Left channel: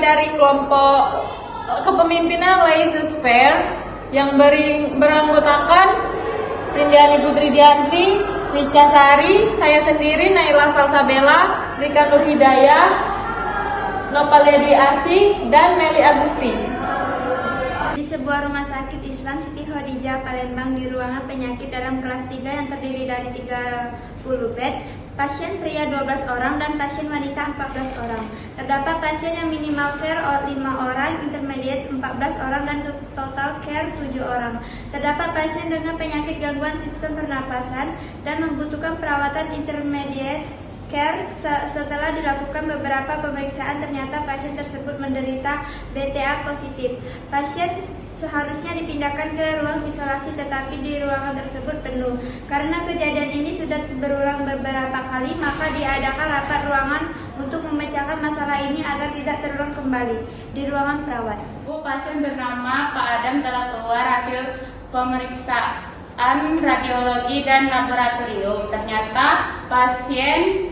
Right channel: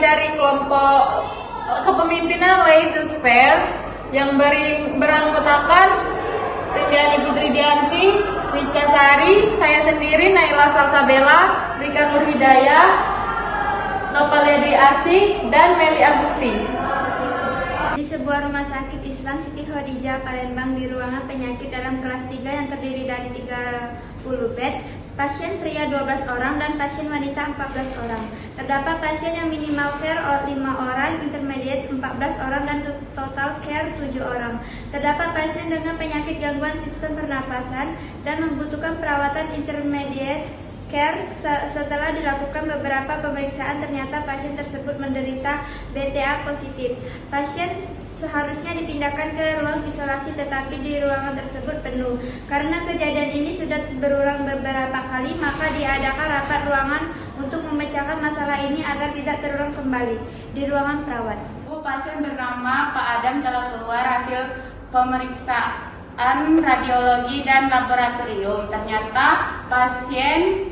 dari kelompok kepemimpinan Leisure Fair yang beranggotakan Rindiani Putri Dianti, Rica Sari, saya sendiri Naila Salsabella, Rika Nur Hidayah, Nopalia Dwi Asih, dan Meli Agusti. Di sebuah rumah sakit Islam Siti Khadijah Palembang di ruangan penyakit dalam kelas 3 yang terdiri dari 30 bed, pasien pria 12 orang dan pasien wanita 14 orang. Terdapat pasien yang minimal care 5 orang, intermediate 14 orang, dan total care 7 orang. Terdapat pasien dengan penyakit gangguan sistem pernapasan dan membutuhkan perawatan intermediate care. Setelah dilakukan beberapa pemeriksaan, ternyata pasien tersebut menderita BTA positif. Pasien seharusnya dipindahkan ke ruang isolasi, tetapi di ruangan tersebut penuh. Karena kejadian ini sudah berulang beberapa kali, maka diadakan rapat ruangan untuk memecahkan masalah ini agar tidak terulang kembali di ruangan perawat. Bu, pasien bernama Pak Adam telah keluar hasil pemeriksaan radiologi dan laboratorium. Ternyata pasien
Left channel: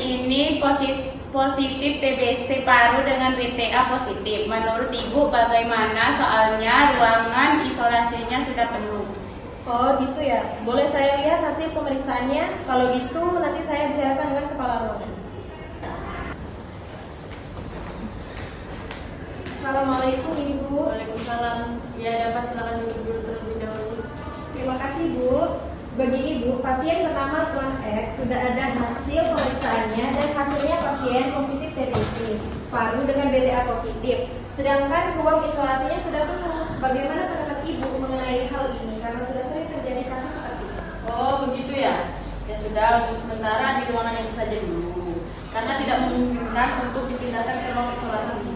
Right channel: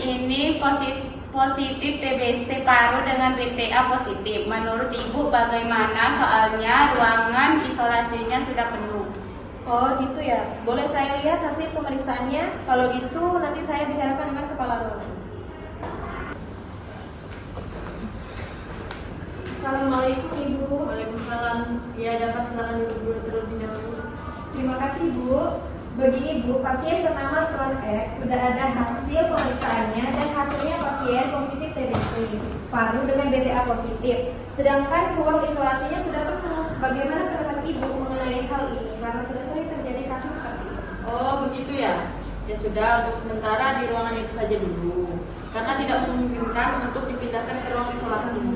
ini positif TBC paru dengan BTA positif. Menurut Ibu bagaimana? Soalnya ruangan isolasinya sudah penuh. Oh gitu ya, boleh saya lihat hasil pemeriksaannya? Kalau gitu nanti saya bicarakan dengan kepala ruangan. Assalamualaikum Ibu. Waalaikumsalam. Ya, dapat silakan duduk terlebih dahulu. Terima kasih Bu. Begini Bu, pasien bernama Tuan X sudah ada hasil pemeriksaannya dan hasilnya pasien positif TBC paru dengan BTA positif. Sedangkan ruang isolasinya sudah penuh. Bagaimana pendapat Ibu mengenai hal ini? Karena sudah sering terjadi kasus seperti ini. Oh, begitu ya. Ya sudah, untuk sementara di ruangan itu saja dulu. Karena tidak memungkinkan untuk dipindahkan ke ruang isolasi.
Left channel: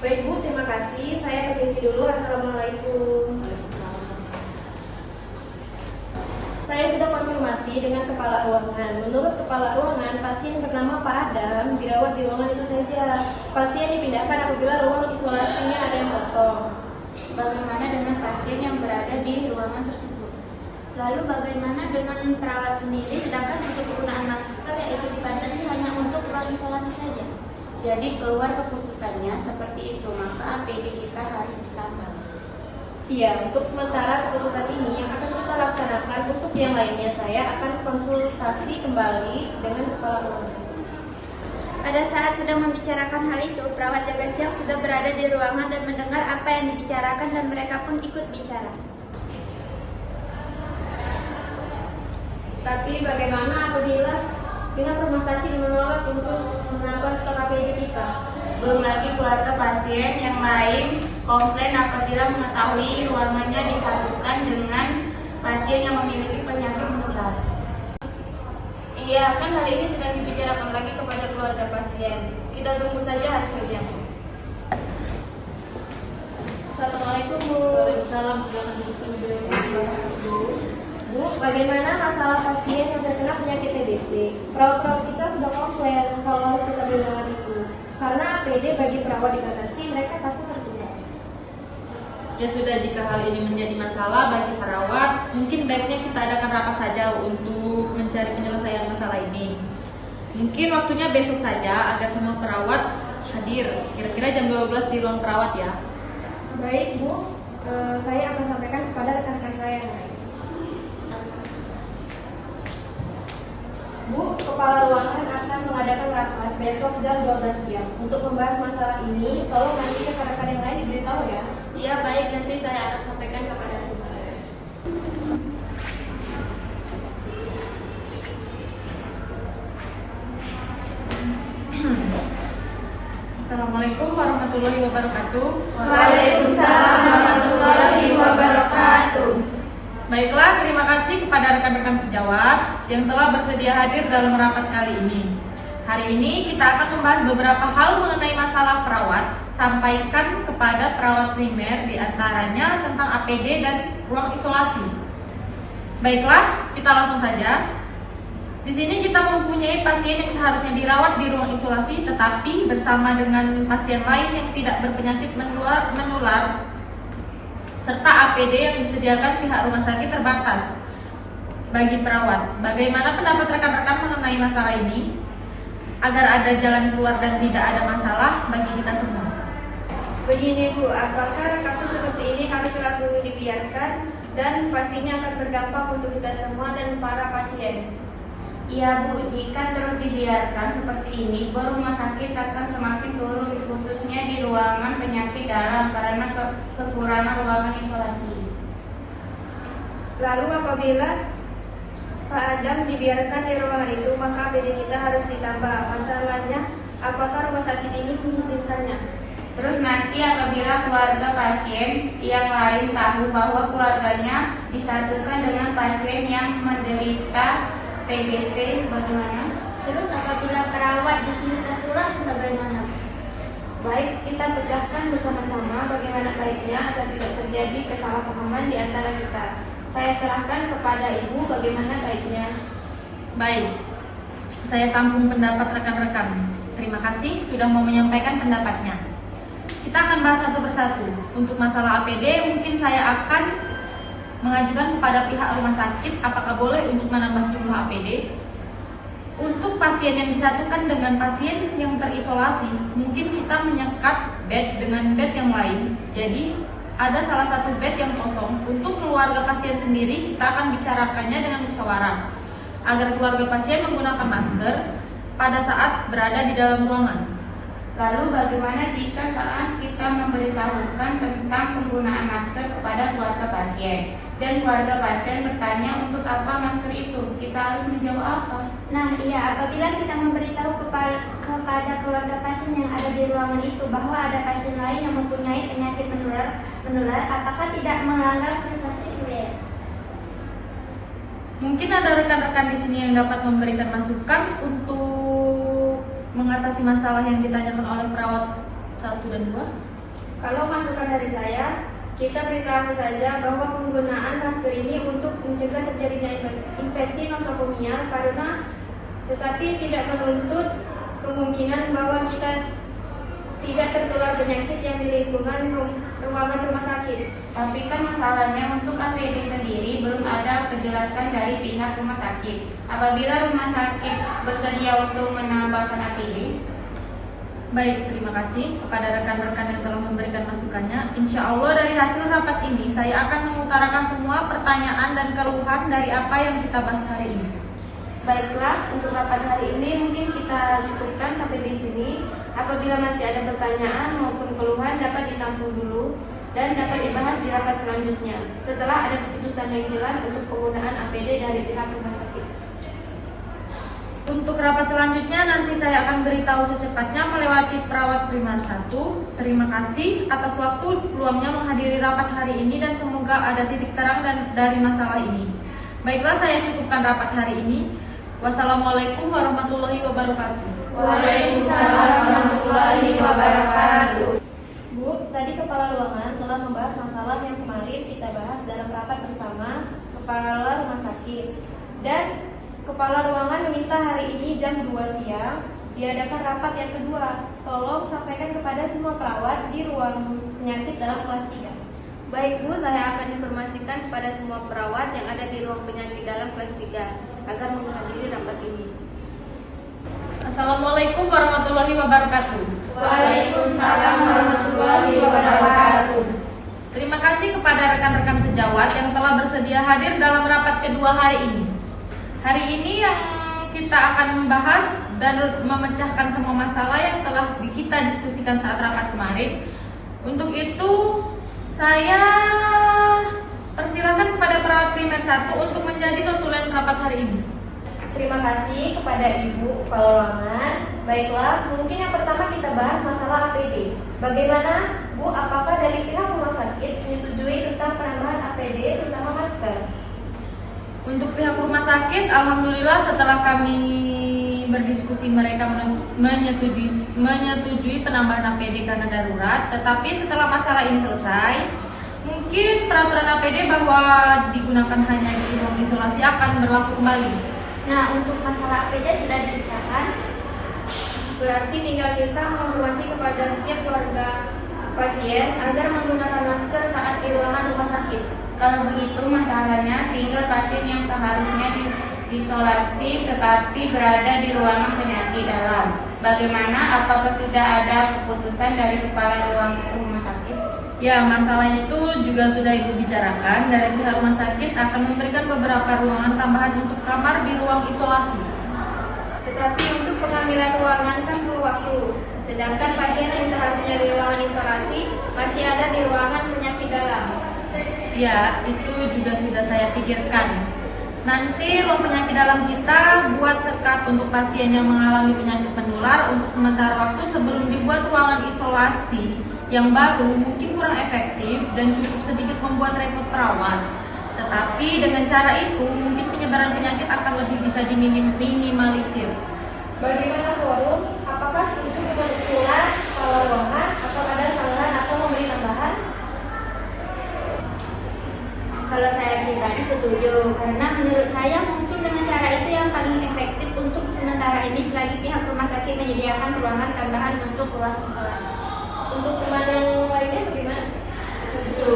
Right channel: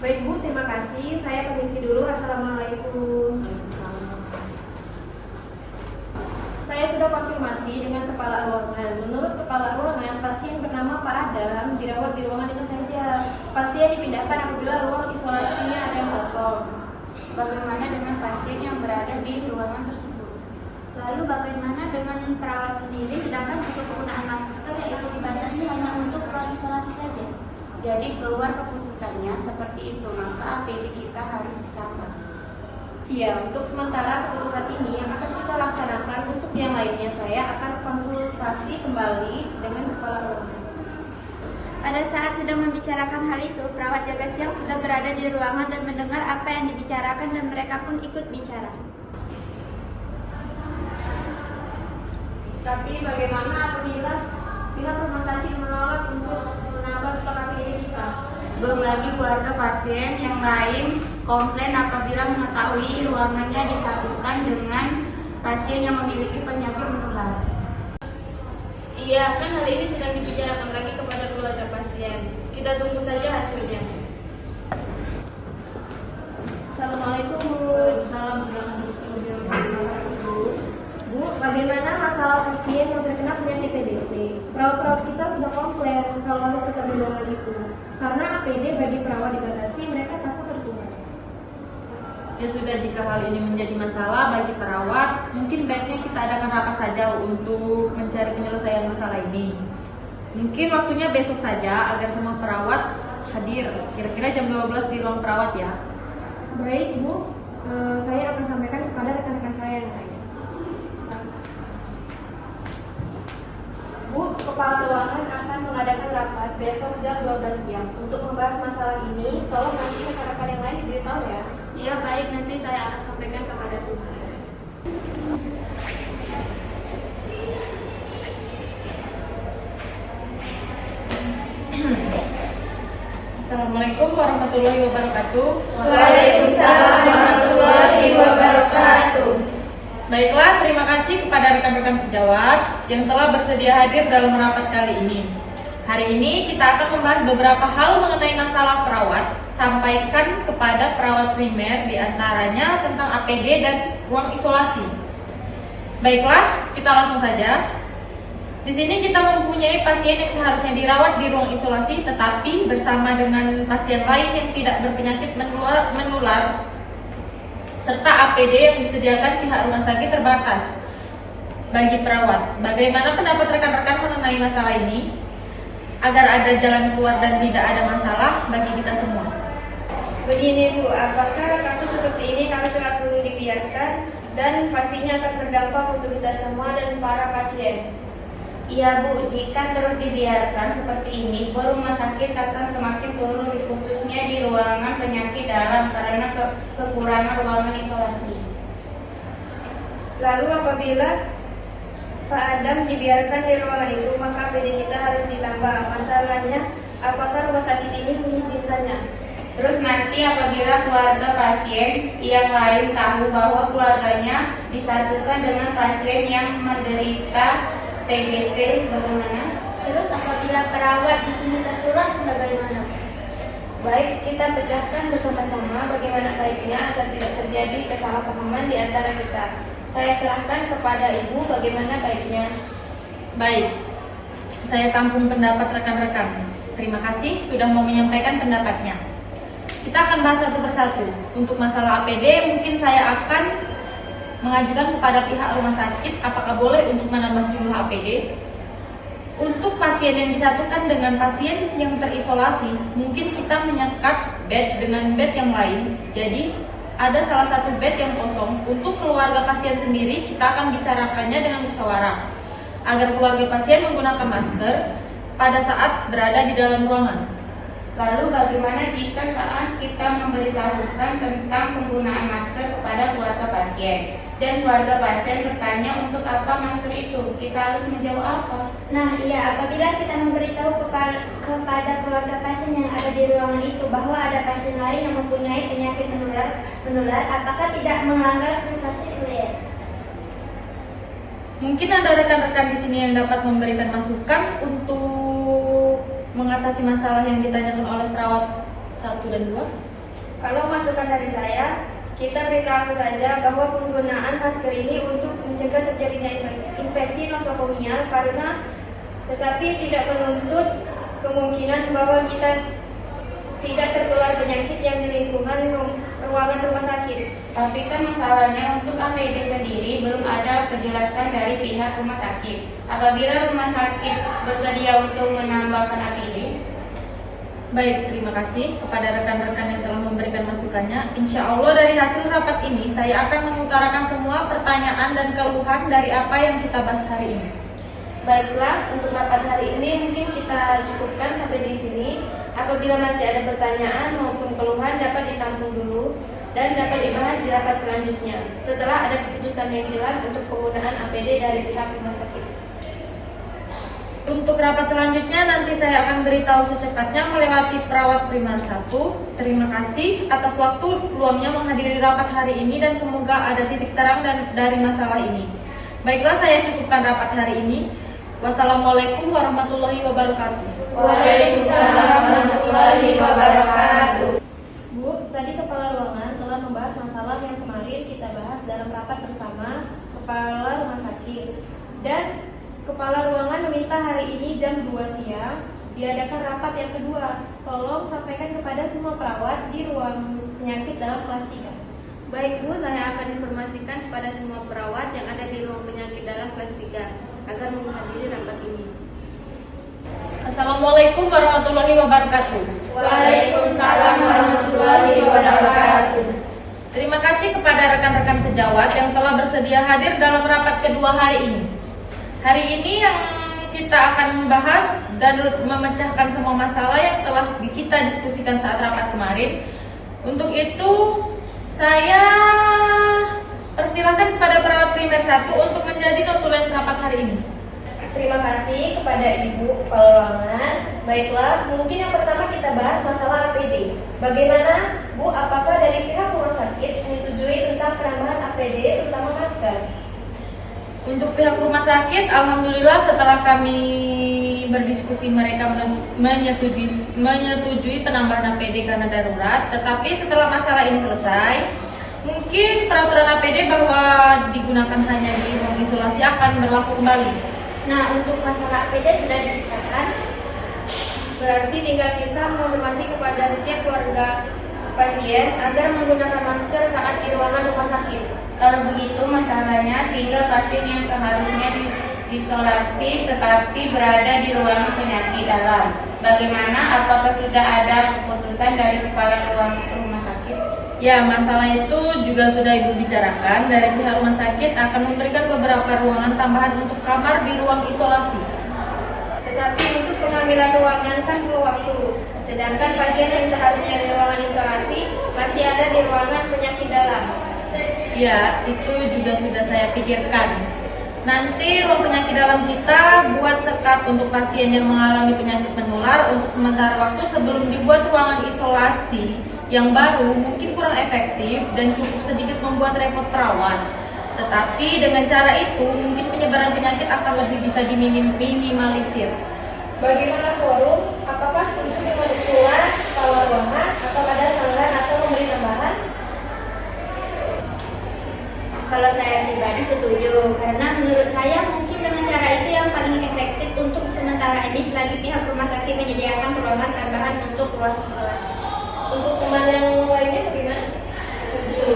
Baik Bu, terima kasih. Saya permisi dulu. Assalamualaikum. Saya sudah konfirmasi dengan kepala ruangan. Menurut kepala ruangan, pasien bernama Pak Adam dirawat di ruangan itu saja. Pasien dipindahkan apabila ruang isolasinya ada yang kosong. Bagaimana dengan pasien yang berada di ruangan tersebut? Lalu bagaimana dengan perawat sendiri, sedangkan untuk penggunaan masker yaitu dibatasi hanya untuk ruang isolasi saja? Jadi keluar keputusannya seperti itu, maka APD kita harus ditambah. Iya, untuk sementara keputusan ini yang akan kita laksanakan. Untuk yang lainnya saya akan konsultasi kembali dengan kepala ruangan. Pada saat sedang membicarakan hal itu, perawat jaga siang sudah berada di ruangan dan mendengar apa yang dibicarakan, dan mereka pun ikut bicara. Tapi bagaimana apabila pihak rumah sakit menolak untuk menambah stok APD kita? Belum lagi keluarga pasien yang lain komplain apabila mengetahui ruangannya disatukan dengan pasien yang memiliki penyakit menular. Iya, kan hal ini sedang dibicarakan lagi kepada keluarga pasien. Kita tunggu saja hasilnya. Assalamualaikum Bu. Salam. Bu, bagaimana masalah pasien yang terkena penyakit TBC? Perawat-perawat kita sudah komplain kalau harus tetap di ruangan itu. Karena APD bagi perawat dibatasi, mereka takut tertular. Ya sudah, jika hal ini menjadi masalah bagi perawat, mungkin baiknya kita adakan rapat saja untuk mencari penyelesaian masalah ini. Mungkin waktunya besok saja agar semua perawat hadir, kira-kira jam 12 di ruang perawat ya. Baik Bu, saya akan sampaikan kepada rekan-rekan saya yang lain. Bu, kepala ruangan akan mengadakan rapat besok jam 12 siang untuk membahas masalah ini. Tolong nanti rekan-rekan yang lain diberitahu ya. Iya baik, nanti saya akan sampaikan kepada tim saya. Assalamualaikum warahmatullahi wabarakatuh. Waalaikumsalam warahmatullahi wabarakatuh. Baiklah, terima kasih kepada rekan-rekan sejawat yang telah bersedia hadir dalam rapat kali ini. Hari ini kita akan membahas beberapa hal mengenai masalah perawat, sampaikan kepada perawat primer, diantaranya tentang APD dan ruang isolasi. Baiklah, kita langsung saja. Di sini kita mempunyai pasien yang seharusnya dirawat di ruang isolasi, tetapi bersama dengan pasien lain yang tidak berpenyakit menular, serta APD yang disediakan pihak rumah sakit terbatas bagi perawat. Bagaimana pendapat rekan-rekan mengenai masalah ini? agar ada jalan keluar dan tidak ada masalah bagi kita semua. Begini Bu, apakah kasus seperti ini harus selalu dibiarkan dan pastinya akan berdampak untuk kita semua dan para pasien? Iya Bu, jika terus dibiarkan seperti ini, rumah sakit akan semakin turun khususnya di ruangan penyakit dalam karena kekurangan ruangan isolasi. Lalu apabila Pak Adam dibiarkan di ruangan itu, maka APD kita harus ditambah. Masalahnya, apakah rumah sakit ini mengizinkannya? Terus nanti apabila keluarga pasien yang lain tahu bahwa keluarganya disatukan dengan pasien yang menderita TBC, bagaimana? Terus apabila perawat di sini tertular, bagaimana? Baik, kita pecahkan bersama-sama bagaimana baiknya agar tidak terjadi kesalahpahaman di antara kita. Saya serahkan kepada Ibu bagaimana baiknya. Baik, saya tampung pendapat rekan-rekan. Terima kasih sudah mau menyampaikan pendapatnya. Kita akan bahas satu persatu. Untuk masalah APD, mungkin saya akan mengajukan kepada pihak rumah sakit apakah boleh untuk menambah jumlah APD. Untuk pasien yang disatukan dengan pasien yang terisolasi, mungkin kita menyekat bed dengan bed yang lain. Jadi ada salah satu bed yang kosong. Untuk keluarga pasien sendiri, kita akan bicarakannya dengan musyawarah agar keluarga pasien menggunakan masker pada saat berada di dalam ruangan. Lalu bagaimana jika saat kita memberitahukan tentang penggunaan masker kepada keluarga pasien dan keluarga pasien bertanya untuk apa masker itu? Kita harus menjawab apa? Nah iya, apabila kita memberitahu kepada keluarga pasien yang ada di ruangan itu bahwa ada pasien lain yang mempunyai penyakit menular, apakah tidak melanggar privasi beliau? Mungkin ada rekan-rekan di sini yang dapat memberikan masukan untuk mengatasi masalah yang ditanyakan oleh perawat 1 dan 2. Kalau masukan dari saya, kita beritahu saja bahwa penggunaan masker ini untuk mencegah terjadinya infeksi nosokomial tetapi tidak menuntut kemungkinan bahwa kita tidak tertular penyakit yang di lingkungan ruangan rumah sakit. Tapi kan masalahnya untuk APD sendiri belum ada kejelasan dari pihak rumah sakit. Apabila rumah sakit bersedia untuk menambahkan APD. Baik, terima kasih kepada rekan-rekan yang telah memberikan masukannya. Insya Allah dari hasil rapat ini saya akan mengutarakan semua pertanyaan dan keluhan dari apa yang kita bahas hari ini. Baiklah, untuk rapat hari ini mungkin kita cukupkan sampai di sini. Apabila masih ada pertanyaan maupun keluhan dapat ditampung dulu dan dapat dibahas di rapat selanjutnya setelah ada keputusan yang jelas untuk penggunaan APD dari pihak rumah sakit. Untuk rapat selanjutnya nanti saya akan beritahu secepatnya melewati perawat primer 1. Terima kasih atas waktu luangnya menghadiri rapat hari ini dan semoga ada titik terang dari masalah ini. Baiklah, saya cukupkan rapat hari ini. Wassalamualaikum warahmatullahi wabarakatuh. Waalaikumsalam warahmatullahi wabarakatuh. Bu, tadi Kepala Ruangan telah membahas masalah yang kemarin kita bahas dalam rapat bersama Kepala Rumah Sakit. Dan Kepala Ruangan meminta hari ini jam 2 siang diadakan rapat yang kedua. Tolong sampaikan kepada semua perawat di ruang penyakit dalam kelas 3. Baik Bu, saya akan informasikan kepada semua perawat yang ada di ruang penyakit dalam kelas 3 agar menghadiri rapat ini. Assalamualaikum warahmatullahi wabarakatuh. Waalaikumsalam warahmatullahi wabarakatuh. Terima kasih kepada rekan-rekan sejawat yang telah bersedia hadir dalam rapat kedua hari ini. Hari ini yang kita akan membahas dan memecahkan semua masalah yang telah kita diskusikan saat rapat kemarin. Untuk itu, saya persilakan kepada perawat primer 1 untuk menjadi notulen rapat hari ini. Terima kasih kepada Ibu Kepala Ruangan. Baiklah, mungkin yang pertama kita bahas masalah APD. Bagaimana, Bu, apakah dari pihak rumah sakit menyetujui tentang penambahan APD terutama masker? Untuk pihak rumah sakit, alhamdulillah setelah kami berdiskusi mereka menyetujui penambahan APD karena darurat. Tetapi setelah masalah ini selesai, mungkin peraturan APD bahwa digunakan hanya di ruang isolasi akan berlaku kembali. Nah, untuk masalah APD sudah dibicarakan. Berarti tinggal kita menginformasi kepada setiap keluarga pasien agar menggunakan masker saat di ruangan rumah sakit. Kalau begitu masalahnya tinggal pasien yang seharusnya isolasi tetapi berada di ruangan penyakit dalam. Bagaimana? Apakah sudah ada keputusan dari kepala rumah sakit? Ya, masalah itu juga sudah Ibu bicarakan. Dari pihak rumah sakit akan memberikan beberapa ruangan tambahan untuk kamar di ruang isolasi. Tetapi untuk pengambilan ruangan kan perlu waktu. Sedangkan pasien yang seharusnya di ruangan isolasi masih ada di ruangan penyakit dalam. Ya, itu juga sudah saya pikirkan. Nanti ruang penyakit dalam kita buat sekat untuk pasien yang mengalami penyakit menular untuk sementara waktu sebelum dibuat ruangan isolasi yang baru mungkin kurang efektif dan cukup sedikit membuat repot perawat. Tetapi dengan cara itu mungkin penyebaran penyakit akan lebih bisa diminimalisir. Bagaimana forum? Apakah setuju dengan usulan kepala ruangan atau ada saran atau memberi tambahan? Kalau saya pribadi setuju, karena menurut saya mungkin dengan cara itu yang paling efektif untuk sementara ini selagi pihak rumah sakit menyediakan ruangan tambahan untuk ruang isolasi. Untuk teman yang lainnya bagaimana? Setuju.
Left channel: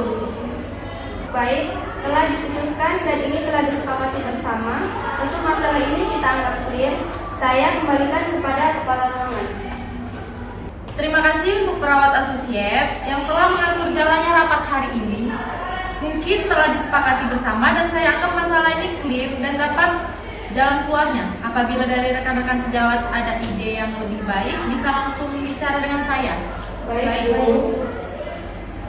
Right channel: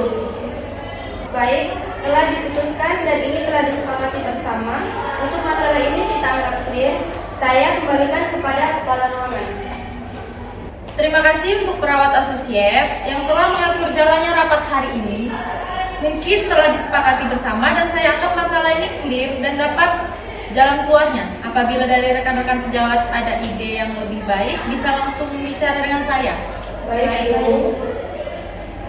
Baik, telah diputuskan dan ini telah disepakati bersama. Untuk masalah ini kita anggap clear. Saya kembalikan kepada kepala ruangan. Terima kasih untuk perawat asosiat yang telah mengatur jalannya rapat hari ini. Mungkin telah disepakati bersama dan saya anggap masalah ini clear dan dapat jalan keluarnya. Apabila dari rekan-rekan sejawat ada ide yang lebih baik, bisa langsung bicara dengan saya. Baik, Ibu.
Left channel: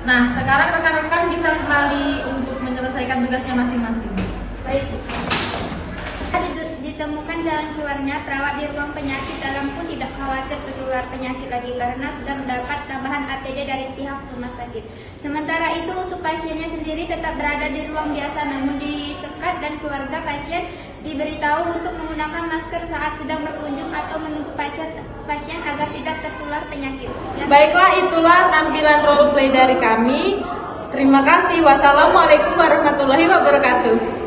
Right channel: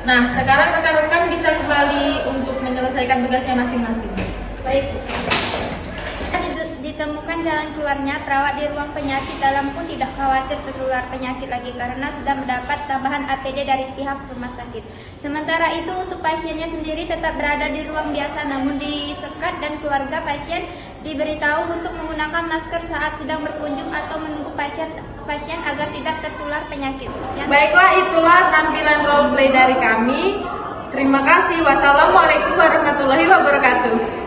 Nah, sekarang rekan-rekan bisa kembali untuk menyelesaikan tugasnya masing-masing. Baik. Ditemukan jalan keluarnya, perawat di ruang penyakit dalam pun tidak khawatir tertular penyakit lagi karena sudah mendapat tambahan APD dari pihak rumah sakit. Sementara itu untuk pasiennya sendiri tetap berada di ruang biasa namun disekat dan keluarga pasien diberitahu untuk menggunakan masker saat sedang berkunjung atau menunggu pasien agar tidak tertular penyakit. Baiklah, itulah tampilan role play dari kami. Terima kasih. Wassalamualaikum warahmatullahi wabarakatuh.